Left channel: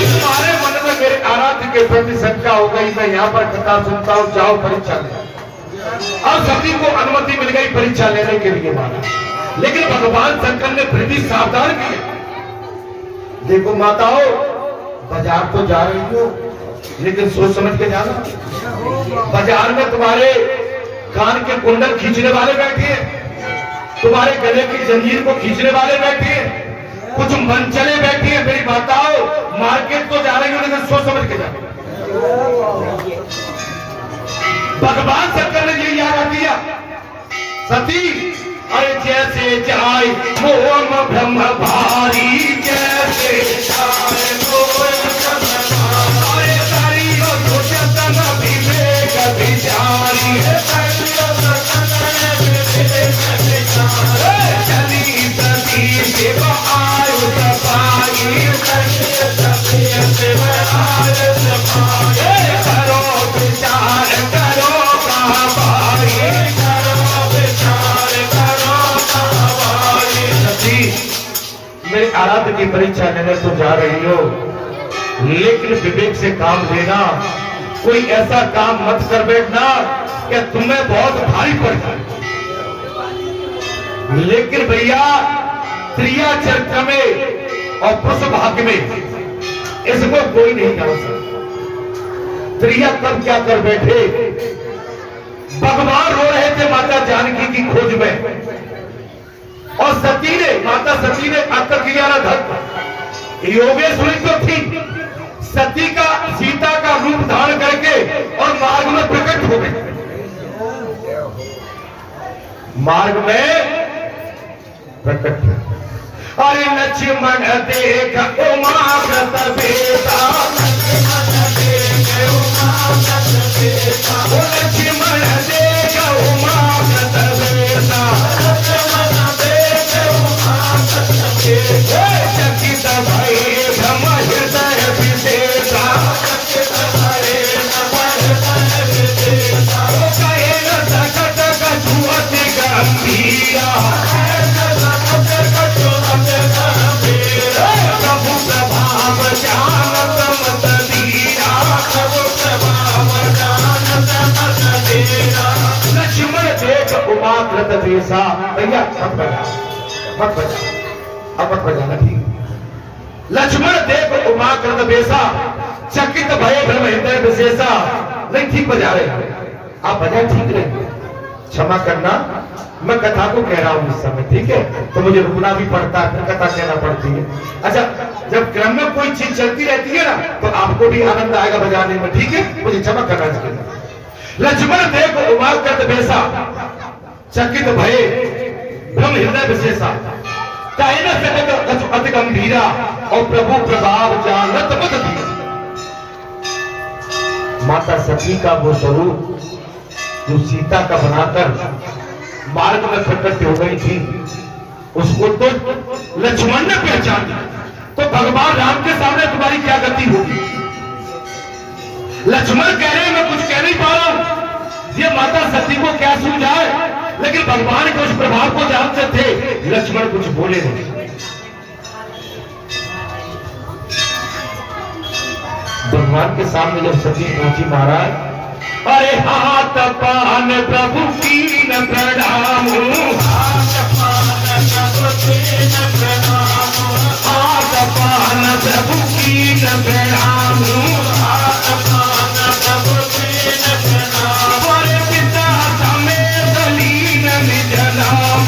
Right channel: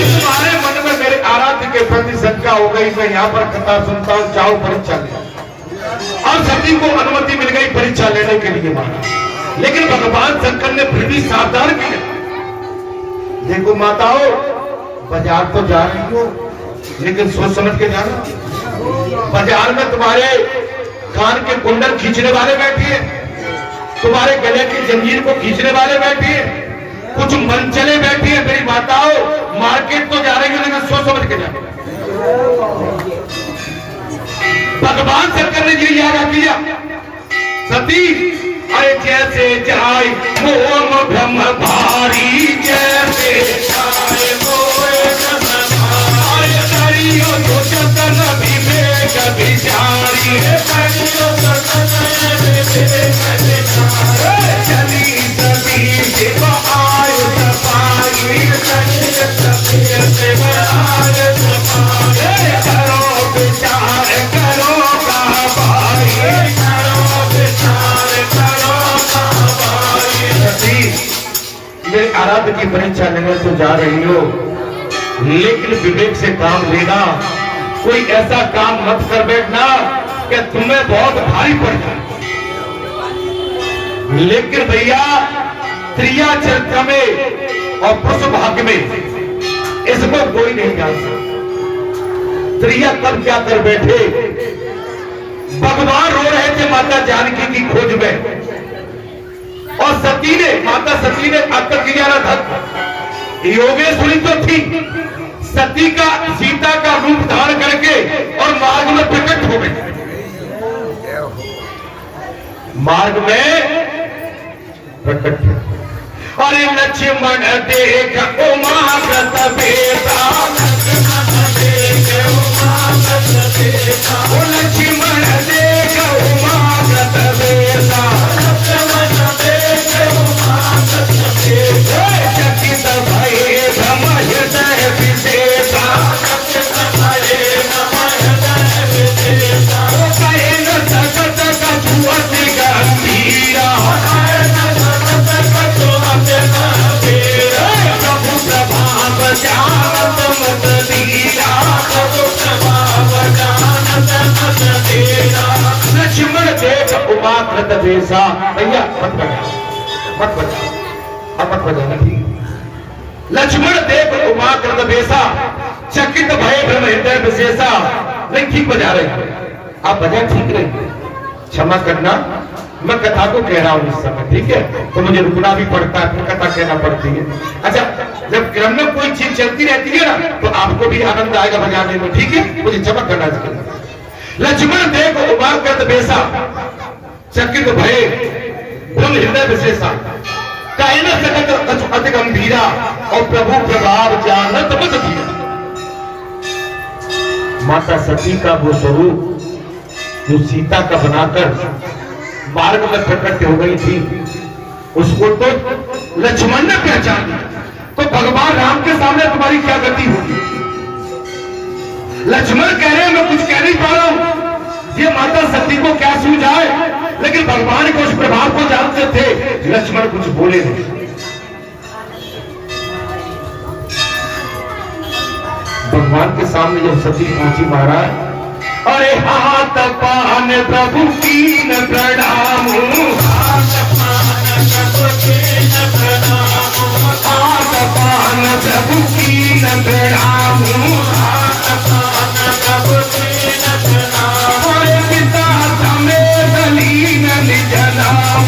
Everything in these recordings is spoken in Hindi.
तुम्हारे मन में मेरे आराध्य के प्रति शंका हो गई, मैं यहाँ पर कथा सुनता हूँ, जाओ परीक्षा ले। अब सती को अनुमति मिल गई परीक्षा लेने के लिए महाराज, लेकिन भगवान शंकर ने फिर भी सावधान किया। देखो माताओं, बाजार तो जा रही हो, लेकिन सोच समझ के जाना। बाजार में तुम्हारे कान के कुंडल खींचने वाले बैठे हैं, तुम्हारे गले की जंजीर को खींचने वाले बैठे हैं, कुछ मनचले बैठी हैं। मेरी माताओं, मार्केट तो जा रही हो, लेकिन सोच समझ के जाना। भगवान शंकर ने ये याद किया, सती अरे जैसे जाए मोह ब्रह्म भारी, जैसे जाए मोह ब्रह्म भारी, तो जतन विवेक विचारी है, चली सती सेवा आयु सफाई, सेवा आयु सफाई, करो विचार करो भाई, करो विचार करो भाई। मेरे आराध्य की परीक्षा लेने तो जा रही हो, लेकिन विवेक से काम लेना। कोई ऐसा काम मत कर बैठना कि तुम्हें बहुत भारी पड़ जाए। लेकिन भैया, त्रिया चरित्र में और पुरुष भाग में इसको कोई नहीं जान सकता। त्रिया तब क्या कर बैठे, भगवान रो रहे थे माता जानकी की खोज में, और सती ने, माता सती ने आकर किया ना धर्म। योगेश्वरी तो थी, सती का सीता का रूप धारण करके और मार्ग में प्रकट हो गई। मार्ग में प्रकट हो, अरे लक्ष्मण देख उमा व्रत बेटा, लक्ष्मण देख उमा व्रत बेटा, लक्ष्मण देख उमा व्रत बेटा, लक्ष्मण देख उमा व्रत बेटा, चकित भये धम हृदय विशेषा, चकित भये धम हृदय विशेषा, कहे न सकत कछुअति गंभीरा, प्रभु प्रभाव जानत मत धीरा, प्रभु प्रभाव जानत मत धीरा, लक्ष्मण देख उमा व्रत बेसा। भैया मत बजा, मत बजा, अब मत बजाना, ठीक। लक्ष्मण देख उमा व्रत बेसा, चकित भय भ्रम हृदय विशेषा। नहीं ठीक बजा रहे, आप बजा ठीक रहे, क्षमा करना, मैं कथा को कह रहा हूं इस समय, ठीक है, तो मुझे रुकना भी पड़ता है, फिर कथा कहना पड़ती है। अच्छा, जब क्रम में कोई चीज चलती रहती है ना, तो आपको भी आनंद आएगा बजाने में, ठीक है, मुझे क्षमा करना चाहिए। लक्ष्मण देख उमा व्रत बेसा, चकित भय भ्रम हृदय विशेषा, कहे न सकत अति गंभीरा, और प्रभु प्रभाव जानत मत धीरा। माता सती का वो स्वरूप जो सीता का बनाकर मार्ग में प्रकट हो गई थी, उसको तो लक्ष्मण ने पहचान लिया। तो भगवान राम के सामने तुम्हारी क्या गति होगी? लक्ष्मण कह रहे हैं मैं कुछ कह नहीं पा रहा हूं, ये माता सती को क्या समझाए, लेकिन भगवान के उस प्रभाव को जानते थे, लक्ष्मण कुछ बोले नहीं। भगवान के सामने जब सती पहुंची महाराज, अरे हाथ पान प्रभु कीन प्रणाम, हाथ पान प्रभु कीन प्रणाम, हाथ पान प्रभु कीन प्रणाम, हाथ पान प्रभु कीन प्रणाम, अरे पिता समेत लीन निज नाम,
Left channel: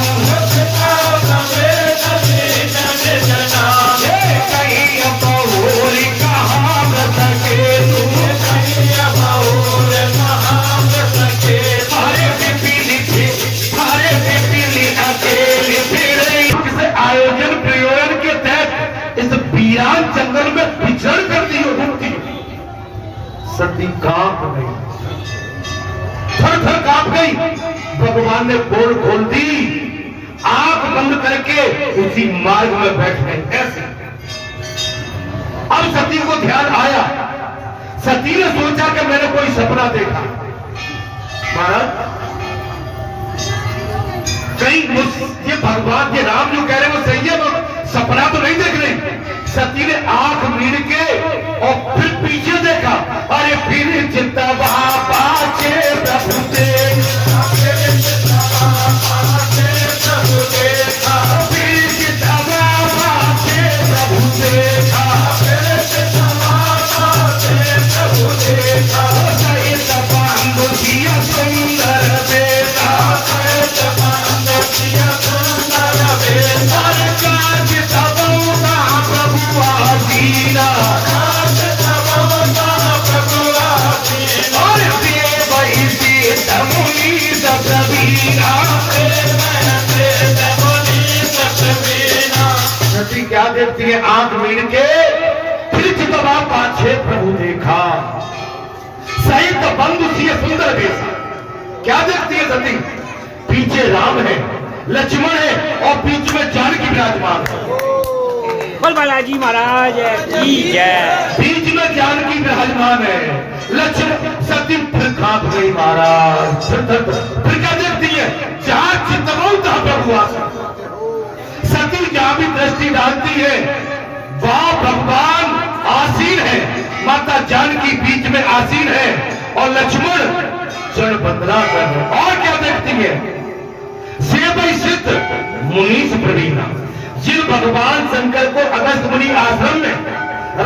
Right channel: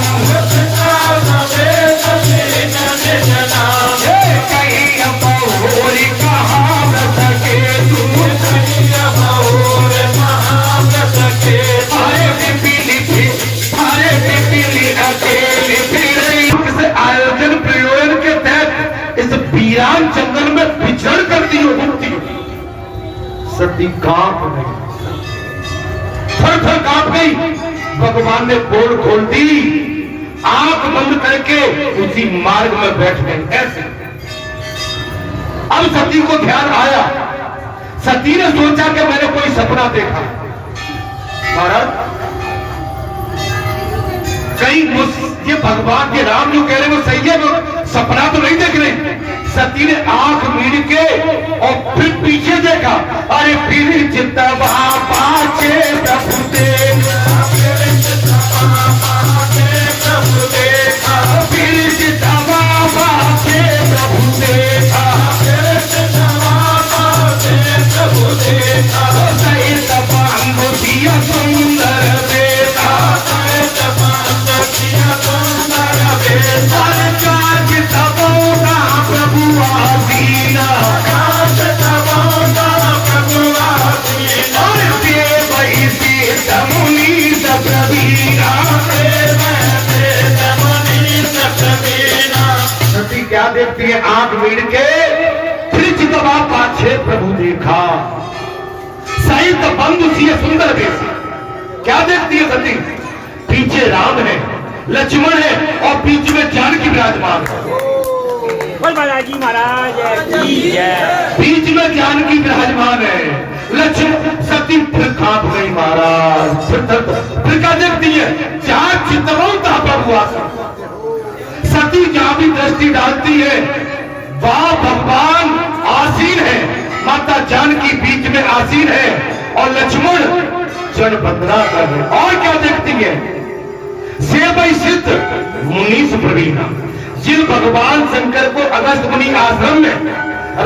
पिता समेत लीन निज नाम, कहीं बहुरी कहावत के तुम, कहीं बहुरी कहावत के, आए पिपीली थे, आए पिपीली अकेली फिरे। किसी आयोजन प्रयोजन के तहत इस वीरान जंगल में विचरण करती हो, रुकती हो, सती कांप गई, थर थर कांप गई। भगवान ने पोल खोल दी, आंख बंद करके उसी मार्ग में बैठ गई ऐसे। अब सती को ध्यान आया, सती ने सोचा कि मैंने कोई सपना देखा। महाराज कहीं ये भगवान के राम जो कह रहे वो सही है, वो सपना तो नहीं देख रहे। सती ने आंख मीड़ के और फिर पीछे देखा, अरे फिर चितवा बाचे प्रभु देखा, फिर चितवा बाचे प्रभु देखा, फिर चितवा बाचे प्रभु देखा, फिर चितवा बाचे प्रभु देखा, सही तपंग दिया सुंदर देखा, सही तपंग दिया सुंदर देखा, काज तबोगा प्रभु आसीना, काज तबोगा प्रभु आसीना, और देव इसी तमुनी सकबीना, देव तमुनी सकबीना। सती क्या देखती है? आंख मीड़ के फिर चितवा पाछे प्रभु देखा, सही तपंग सी सुंदर देखा। क्या देखती है सती? पीछे राम है, लक्ष्मण है और बीच में जानकी विराजमान है। बालाजी महाराज बीच में जानकी विराजमान है। लक्ष्मण सती फिर कांप गई महाराज। फिर क्या देखती है? जहां चितवंता प्रभु सती जहां भी दृष्टि डालती है वहां भगवान आसीन है, माता जानकी बीच में आसीन है और लक्ष्मण जड़ बंदना कर रहे। और क्या देखती है? सेवई सिद्ध मुनीष प्रवीणा, जिन भगवान शंकर को अगस्त मुनि आश्रम में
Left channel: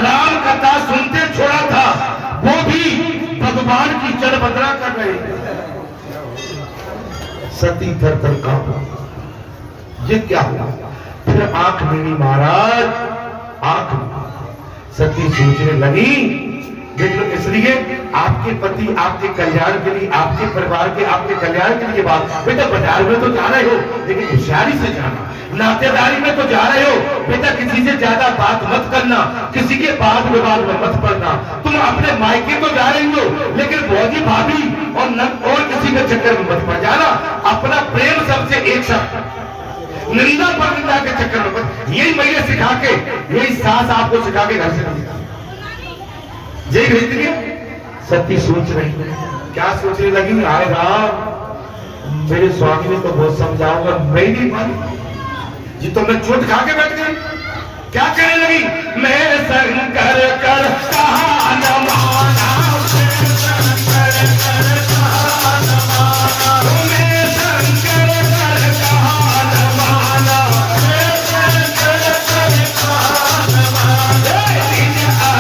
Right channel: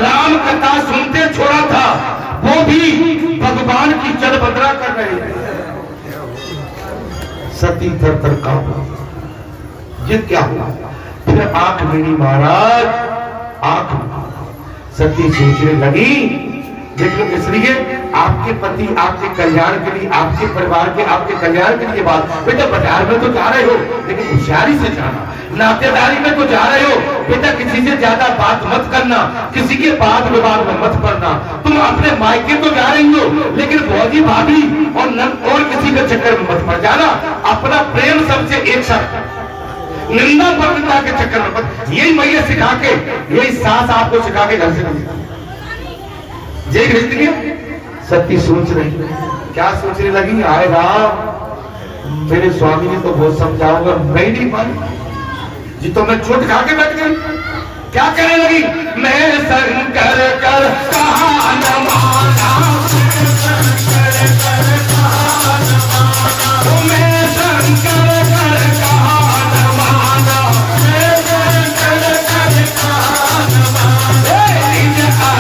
राम कथा सुनते छोड़ा था वो भी भगवान की जड़ बंदना कर रहे हैं। सती थर थर कांपा। ये क्या हुआ? फिर आंख मिली महाराज, आंख सती सोचने लगी, देख लो इसलिए आपके पति आपके कल्याण के लिए, आपके परिवार के आपके कल्याण के लिए बात। बेटा बाजार में तो जा रहे हो लेकिन होशियारी से जाना, नातेदारी में तो जा रहे हो बेटा किसी से ज्यादा बात मत करना, किसी के वाद विवाद में मत पड़ना। तुम अपने मायके तो जा रही हो लेकिन भौजी भाभी और किसी के चक्कर में मत पड़ जाना। अपना प्रेम सबसे एक साथ, निंदा परनिंदा के चक्कर में मत। यही मैया सिखा के, यही सास आपको सिखा के घर से यही भेजती है। सती सोच रही, क्या सोचने लगी? आए राम, मेरे स्वामी ने तो बहुत समझाऊंगा, मैं नहीं मानी जी, तो मैं चोट खा के बैठ गई। क्या कहने लगी? मैं शंकर कर कहा न माना, शंकर कर कहा न माना, मैं शंकर कर कहा न माना, मैं शंकर कर कहा न माना,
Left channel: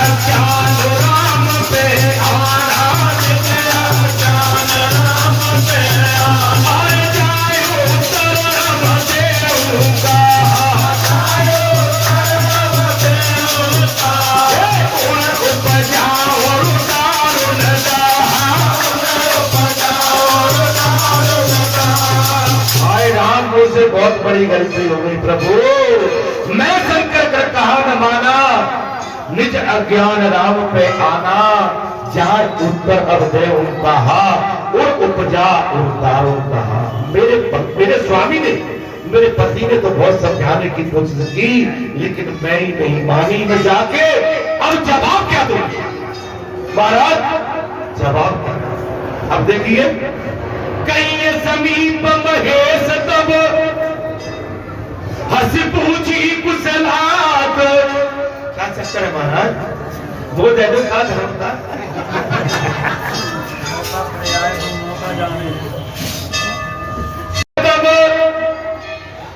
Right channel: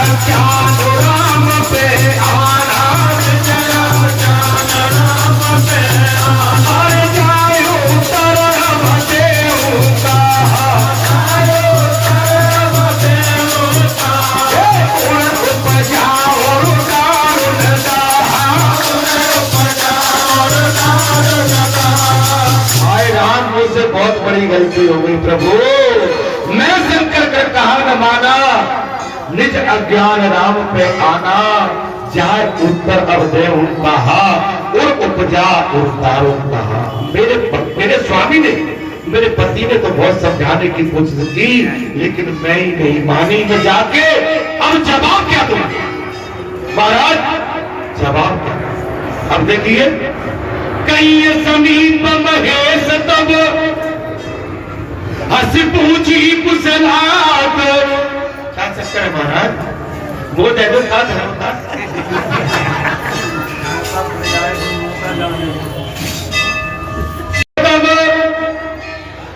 अज्ञान राम पे आना, राम पे आना, जाए उत्तर बचे उनका, से बहुत बड़ी गलती हो गई प्रभु। मैं शंकर कर कहा न माना, निज अज्ञान राम पे आना, जाए उत्तर अब दे कहा और उपजा उतारो कहा। मेरे स्वामी ने, मेरे पति ने तो बहुत समझाने की कोशिश की लेकिन मैं ही नहीं मानी। मैं जाके अब जवाब क्या दूं महाराज? जवाब क्या? अब देखिए, कई समीप महेश तब हंस पूछी कुशलात। क्या चक्कर है महाराज? वो दे दो का धर्म का।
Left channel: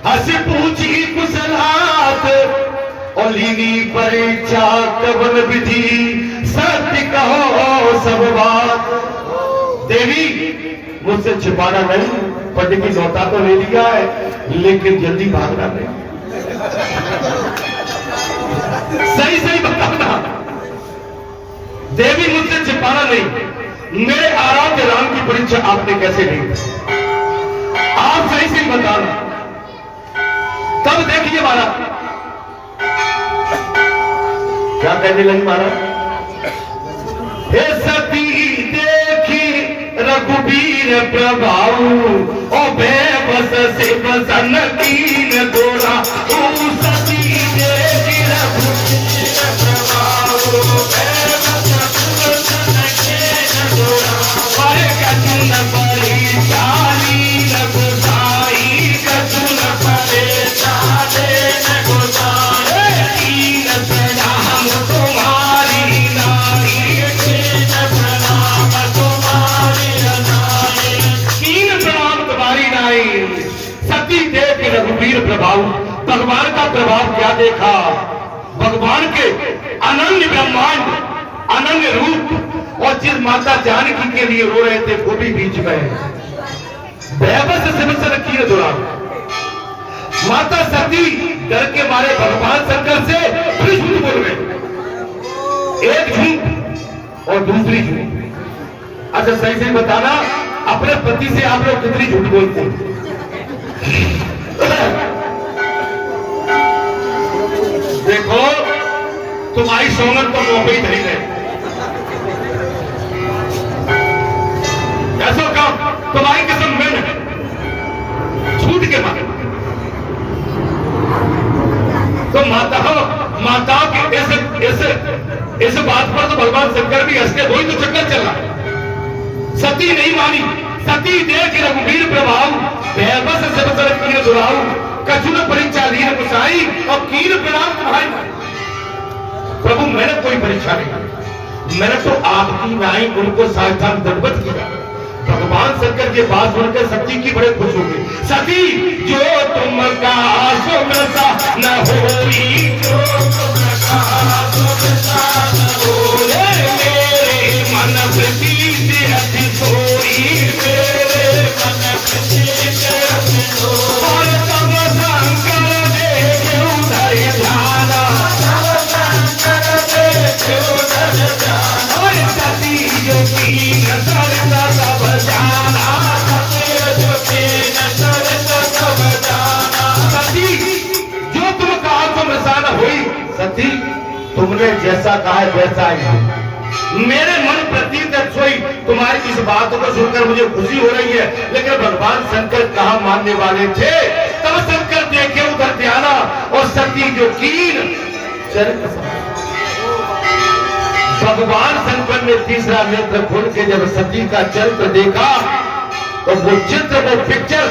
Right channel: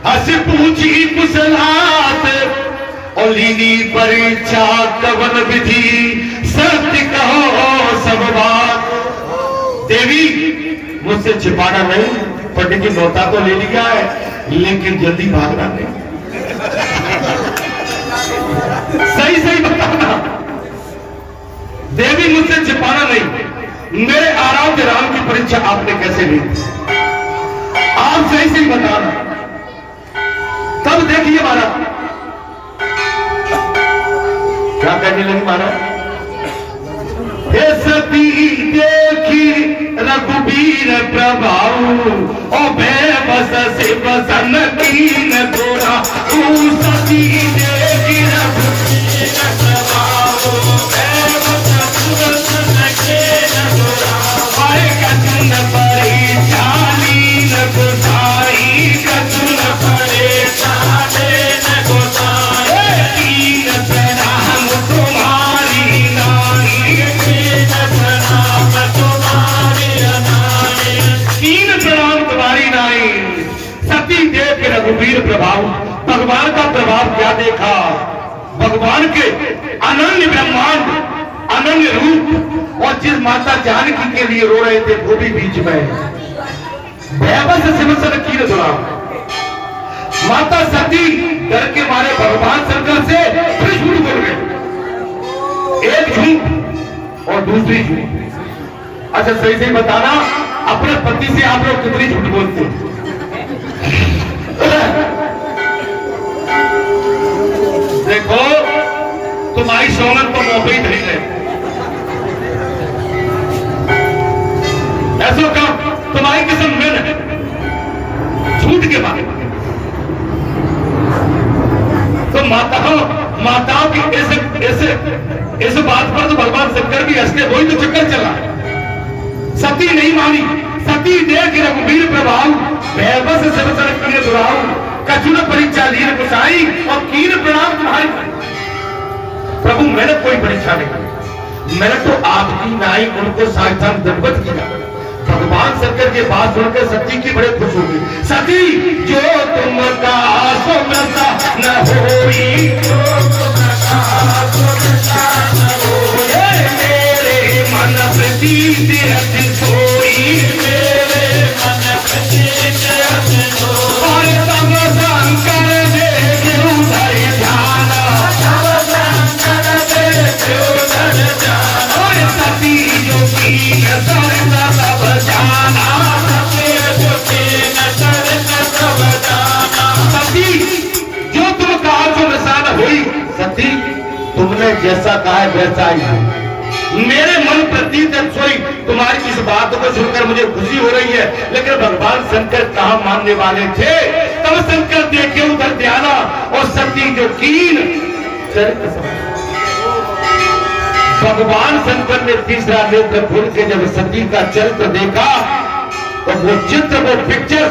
हंस पूछी कुशलात और लीनी परीक्षा कवन विधि, सत्य कहो सब बात। देवी मुझसे छिपाना नहीं, पंडित की न्योता तो ले लिया है लेकिन जल्दी भागना नहीं। सही सही बताना देवी, मुझसे छिपाना नहीं। मेरे आराध्य राम की परीक्षा आपने कैसे ली? आप सही सही बताना। तब देखिए महाराज क्या कहने लगी महाराज? हे सती देखी रघुबीर प्रभाऊ और बेबस से बसन कीन गोरा। सती देखी रघुबीर प्रभाऊ बेबस से बसन कीन गोरा। आए कठिन परी चाली न गोसाई भगवान का प्रभाव क्या देखा? भगवान के अनन्य ब्रह्मांड, अनन्य रूप, और जिस माता जानकी के लिए रो रहे थे वो भी बीच में बेबस सिमसन की दुआ। माता सती डर के मारे भगवान शंकर से फिर झूठ बोल गए, एक झूठ और दूसरी झूठ। अच्छा सही सही बताना, अपने पति से आप लोग कितनी झूठ बोलते हैं? देखो तुम्हारी सोनत पर मौके ही धरी है, ऐसा काम तुम्हारी कसम में है झूठ के बाद। तो माताओं की ऐसे बात पर तो भगवान शंकर भी हंसते, वही तो चक्कर चला। सती नहीं मानी, सती देख रघुवीर प्रभाव, बेबस सबसर किए दुराऊ, कछुन परीक्षा लिए कुसाई, और कीन प्रणाम तुम्हारी। प्रभु मैंने कोई परीक्षा नहीं, मैंने तो आपकी नाई उनको साक्षात दंडवत किया। भगवान शंकर के बात सुनकर सती की बड़े खुश हो गई। सती जो तुम का सुमता न होई, जो तुम का सुमता न होई, मेरे मन प्रतीत अति सोई, मेरे मन प्रतीत अति सोई, और तब शंकर देखो धरि ध्याना, तब शंकर देखो धरि ध्याना, और सती जो कीन सरदा तब जाना, सती जो तुम कहा तो वैसा न हुई। सती तुमने जैसा कहा है वैसा ही हो। मेरे मन प्रतीत सोई। तुम्हारी इस बात को सुनकर मुझे खुशी हो रही है, लेकिन भगवान शंकर कहाँ मानने वाले थे? तब शंकर देखे उधर ध्याना, और सती जो कीन। भगवान शंकर ने तीसरा नेत्र खोल के जब सती का चरित्र देखा, तो वो चित्र, वो पिक्चर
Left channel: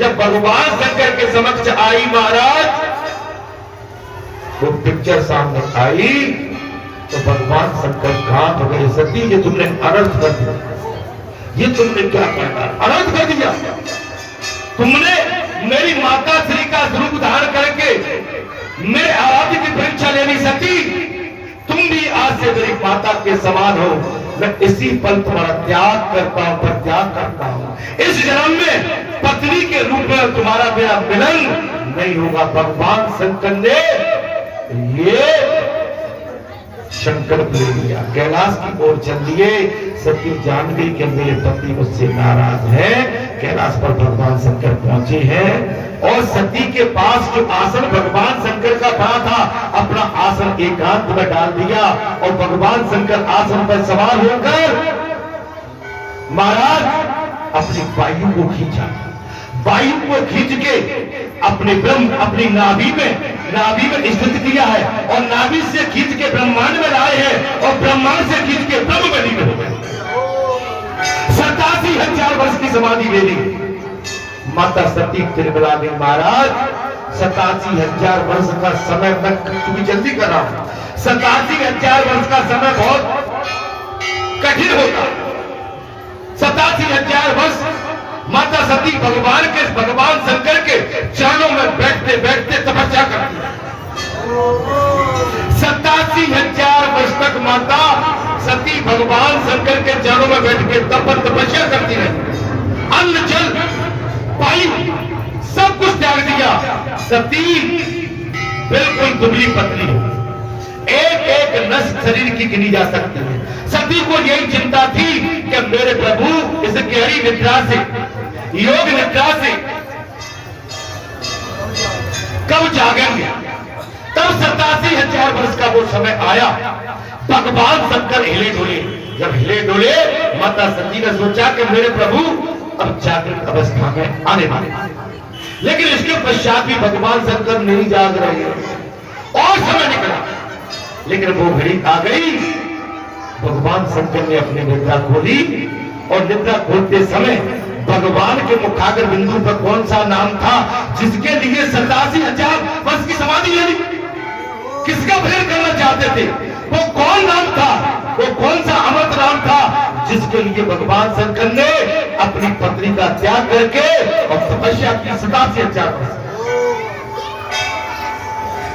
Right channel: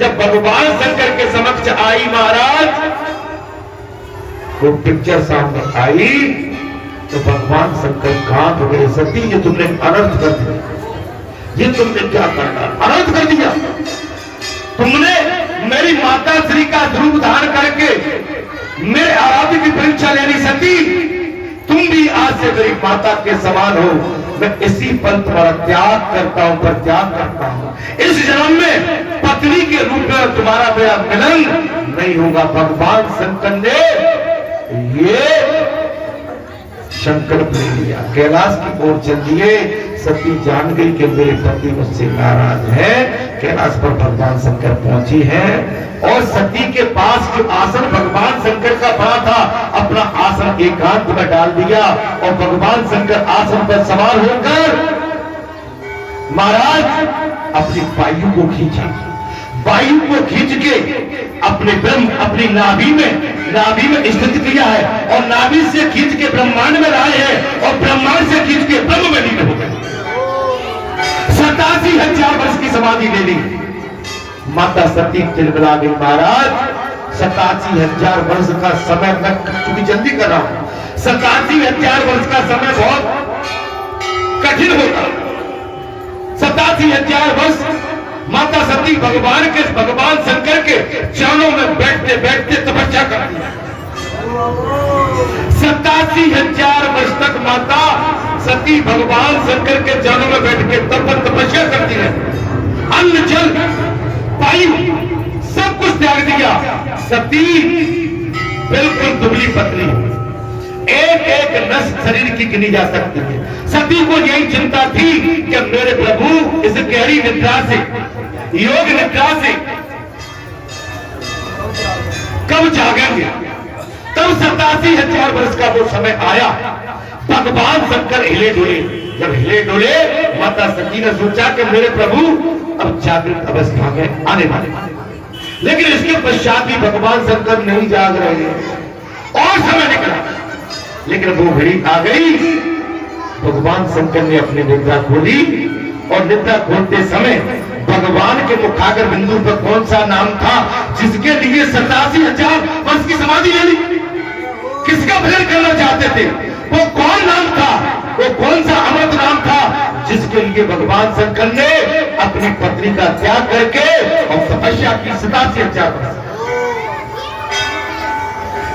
जब भगवान शंकर के समक्ष आई महाराज, वो पिक्चर सामने आई, तो भगवान शंकर कांप गए। सती ये तुमने अनर्थ कर दिया, ये तुमने क्या करना, अनर्थ कर दिया। तुमने मेरी माता श्री का ध्रुव धारण करके मेरे आराध्य की परीक्षा लेनी। सती तुम भी आज से मेरी माता के समान हो। मैं इसी पल तुम्हारा त्याग करता हूं, पर त्याग करता हूं। इस जन्म में पत्नी के रूप में तुम्हारा मेरा मिलन नहीं होगा। भगवान शंकर ने ये संकल्प ले लिया, कैलाश की ओर चल दिए। सती जान गई कि मेरे पति मुझसे नाराज है। कैलाश पर भगवान शंकर पहुंचे हैं, और सती के पास जो आसन भगवान शंकर का बना था, अपना आसन एकांत में डाल दिया, और भगवान शंकर आसन पर सवार होकर महाराज अपनी वायु को खींचा। वायु को खींच के अपने ब्रह्म, अपनी नाभि में स्थित किया है, और नाभि से खींच के ब्रह्मांड में लाए हैं, और ब्रह्मांड से खींच के ब्रह्म में लीन हो गए। 87,000 वर्ष की समाधि ले ली। माता सती तिलमिला गई महाराज। 87,000 वर्ष का समय, मैं चूंकि जल्दी कर रहा हूं, 87,000 वर्ष का समय बहुत कठिन होता। 87,000 वर्ष माता सती भगवान शंकर के चरणों में बैठते बैठते तपस्या करती है। 87,000 वर्ष तक माता सती भगवान शंकर के चरणों में बैठ के तपस्या करती है। अन्न जल वायु सब कुछ त्याग दिया। सती बिल्कुल दुबली पतली, एक एक नस शरीर की गिनी जा सकती है। सती को यही चिंता थी कि मेरे प्रभु इस गहरी निद्रा से, योग निद्रा से कब जागेंगे। तब 87,000 वर्ष का वो समय आया। भगवान शंकर हिले डुले। जब हिले डुले, माता सती ने सोचा कि मेरे प्रभु अब जागृत अवस्था में आने वाले। लेकिन इसके पश्चात भी भगवान शंकर नहीं जाग रहे हैं, और समय निकला, लेकिन वो घड़ी आ गई। भगवान शंकर ने अपनी निद्रा खोली, और निद्रा खोलते समय भगवान के मुखागर बिंदु पर कौन सा नाम था जिसके लिए 87,000 वर्ष की समाधि ले ली? किसका भजन करना चाहते थे? वो कौन नाम था? वो कौन सा अमृत नाम था जिसके लिए भगवान शंकर ने अपनी पत्नी का त्याग करके और तपस्या की 87,000 वर्ष।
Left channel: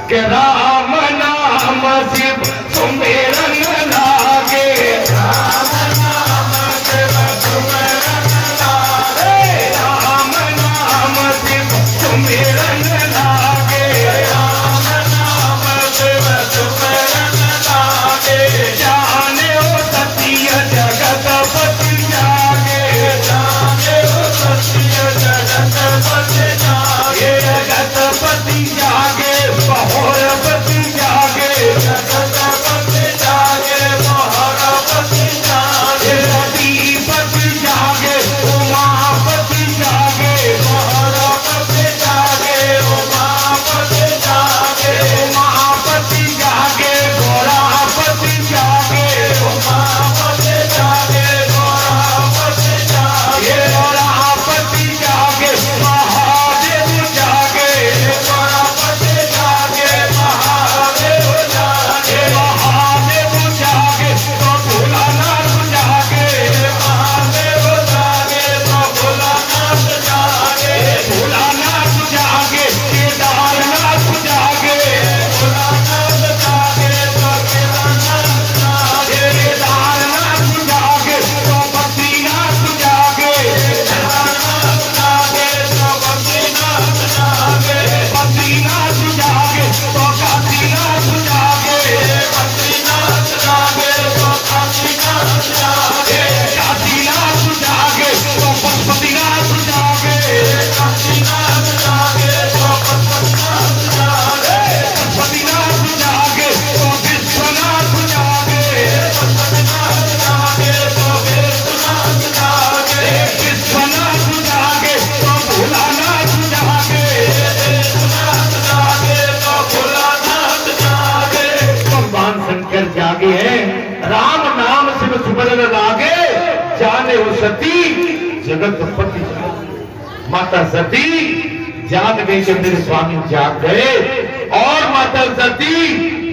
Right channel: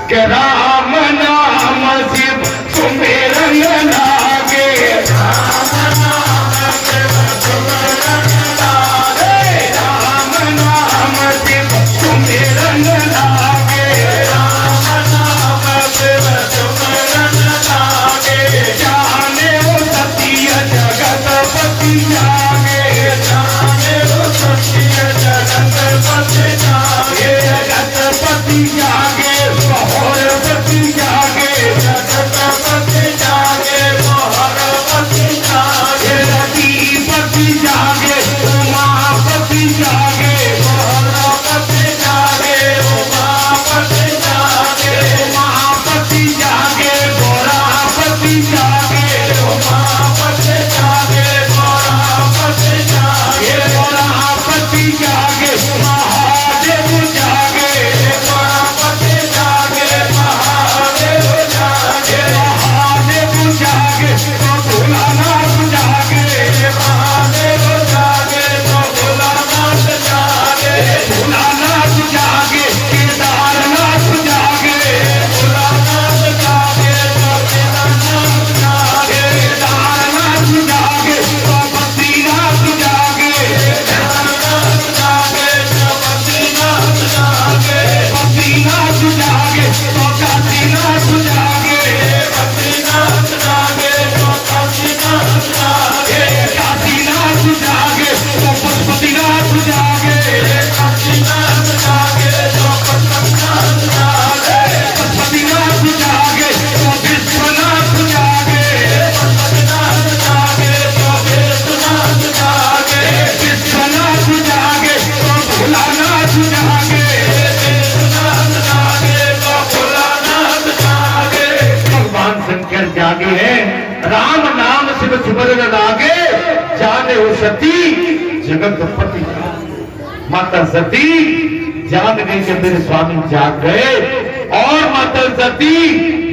के राम नाम शिव सुमेरन लागे, राम नाम शिव सुमेरन लागे, राम नाम शिव सुमेरन लागे, राम नाम शिव सुमेरन लागे। जाने ओ सत्य जगतपति जागे, जाने ओ सत्य जगतपति जागे, जगतपति जागे मोहरपति जागे, जगतपति जागे मोहरपति जागे, रतिपति जागे उमापति जागे, मोहरपति जागे उमापति जागे, उमापति जागे गोरापति जागे, उमापति जागे गोरापति जागे, गोरापति जागे महादेव जागे, गोरापति जागे महादेव जागे, महादेव जागे तो भोलानाथ जागे, महादेव जागे तो भोलानाथ जागे, भोलानाथ जागे केदारनाथ जागे, भोलानाथ जागे तो केदारनाथ जागे, केदारनाथ जागे तो बद्रीनाथ जागे, केदारनाथ जागे तो बद्रीनाथ जागे, बद्रीनाथ जागे तो काशीनाथ जागे, बद्रीनाथ जागे तो काशीनाथ जागे, काशीनाथ जागे तो पशुपतिनाथ जागे, काशीनाथ जागे तो पशुपतिनाथ जागे, पशुपतिनाथ जागे तो विश्वनाथ जागे, पशुपतिनाथ जागे तो विश्वनाथ जागे, विश्वनाथ जागे तो भोलानाथ जागे, विश्वनाथ जागे तो भोलानाथ जागे। भगवान शंकर जागे हैं, राम नाम शिव सुमरन लागे, जाने हो सती जगतपति जागे। माता सती जाग गई कि मेरे स्वामी जाग गए, और माता सती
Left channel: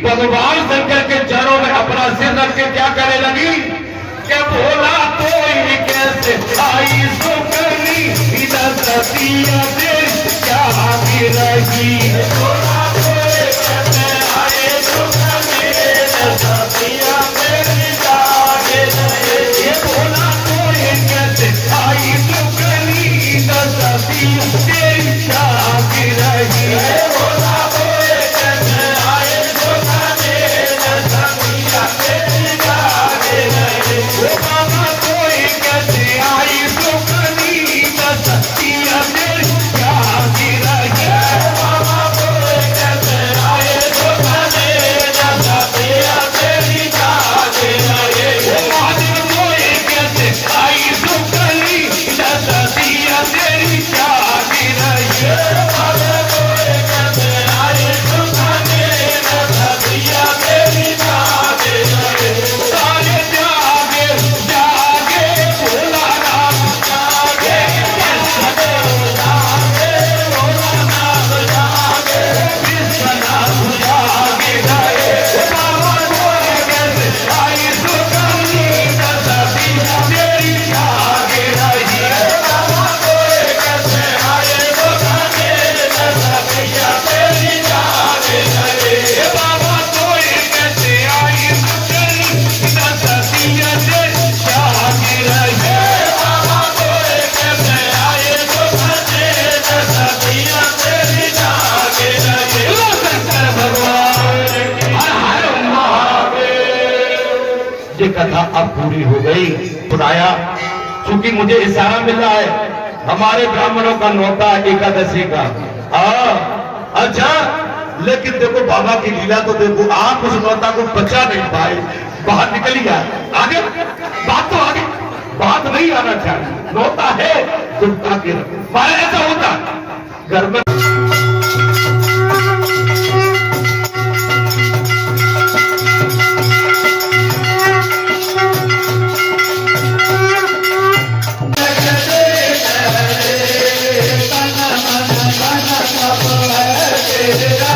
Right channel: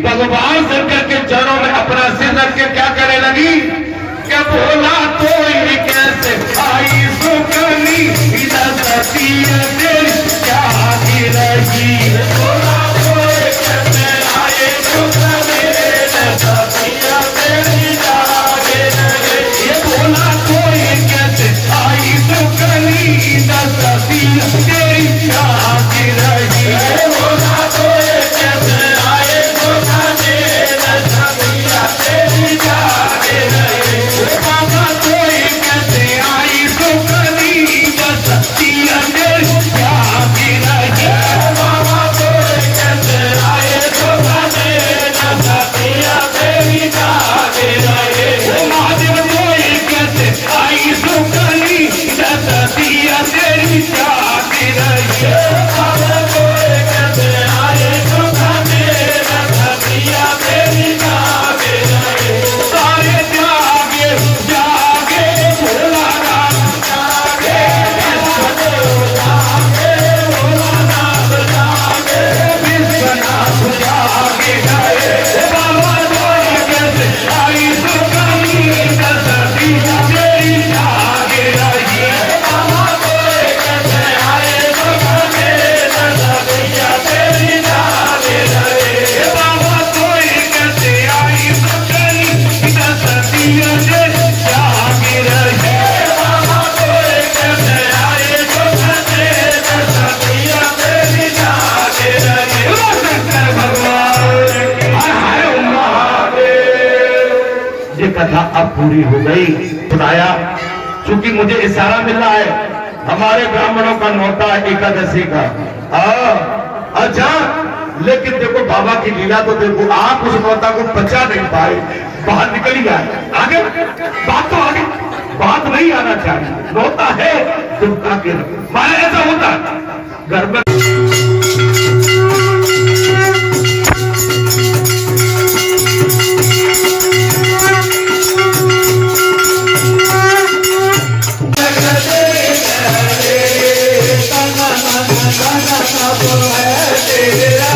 भगवान शंकर के चरणों में अपना सिर रख के क्या करने लगी, क्या बोला तो कैसे आई सुकनी इधर सती तेरी क्या भी रही, बोला तो कैसे आए सुकनी इधर सती तेरी जागे रहे, ये बोला तो कैसे आई सुकनी इधर सती तेरी जागे रही, बोला तो कैसे आए सुकनी इधर सती तेरी जागे रही, बाबा कोई कैसे आई सुकनी इधर सती तेरी जागे रही, बाबा कोई कैसे आए सुकनी इधर सती तेरी जागे रही, महादेव कोई कैसे आई सुकनी इधर सती तेरी जागे रही, बाबा कोई कैसे आए सुकनी इधर सती तेरी जागे रही, सारे जागे जागे भोला राम जागे, विश्वनाथ जागे भोलानाथ जागे, विश्वनाथ जागे गए, बाबा कोई कैसे आई सुकनी इधर सती तेरी जागे रही, बाबा कोई कैसे आए सुकनी इधर सती तेरी जागे रही, बाबा कोई कैसे आई सुकनी इधर सती तेरी जागे रही, बाबा कोई कैसे आए सुकनी इधर सती तेरी जागे रही। बोलो शंकर भगवान की हर महादेव। ये कथा अब पूरी हो गई। सुनाया, चूंकि मुझे इशारा मिला है हमारे ब्राह्मणों का नौता है एकादशी का। अच्छा, लेकिन देखो बाबा की लीला तो देखो, आप उस नौता को बचा नहीं पाए, बाहर निकल ही गया। आगे बात तो आगे बात नहीं आना चाहिए, नौता है तो आगे रखो। ऐसा होता है घर में। सब है तेरा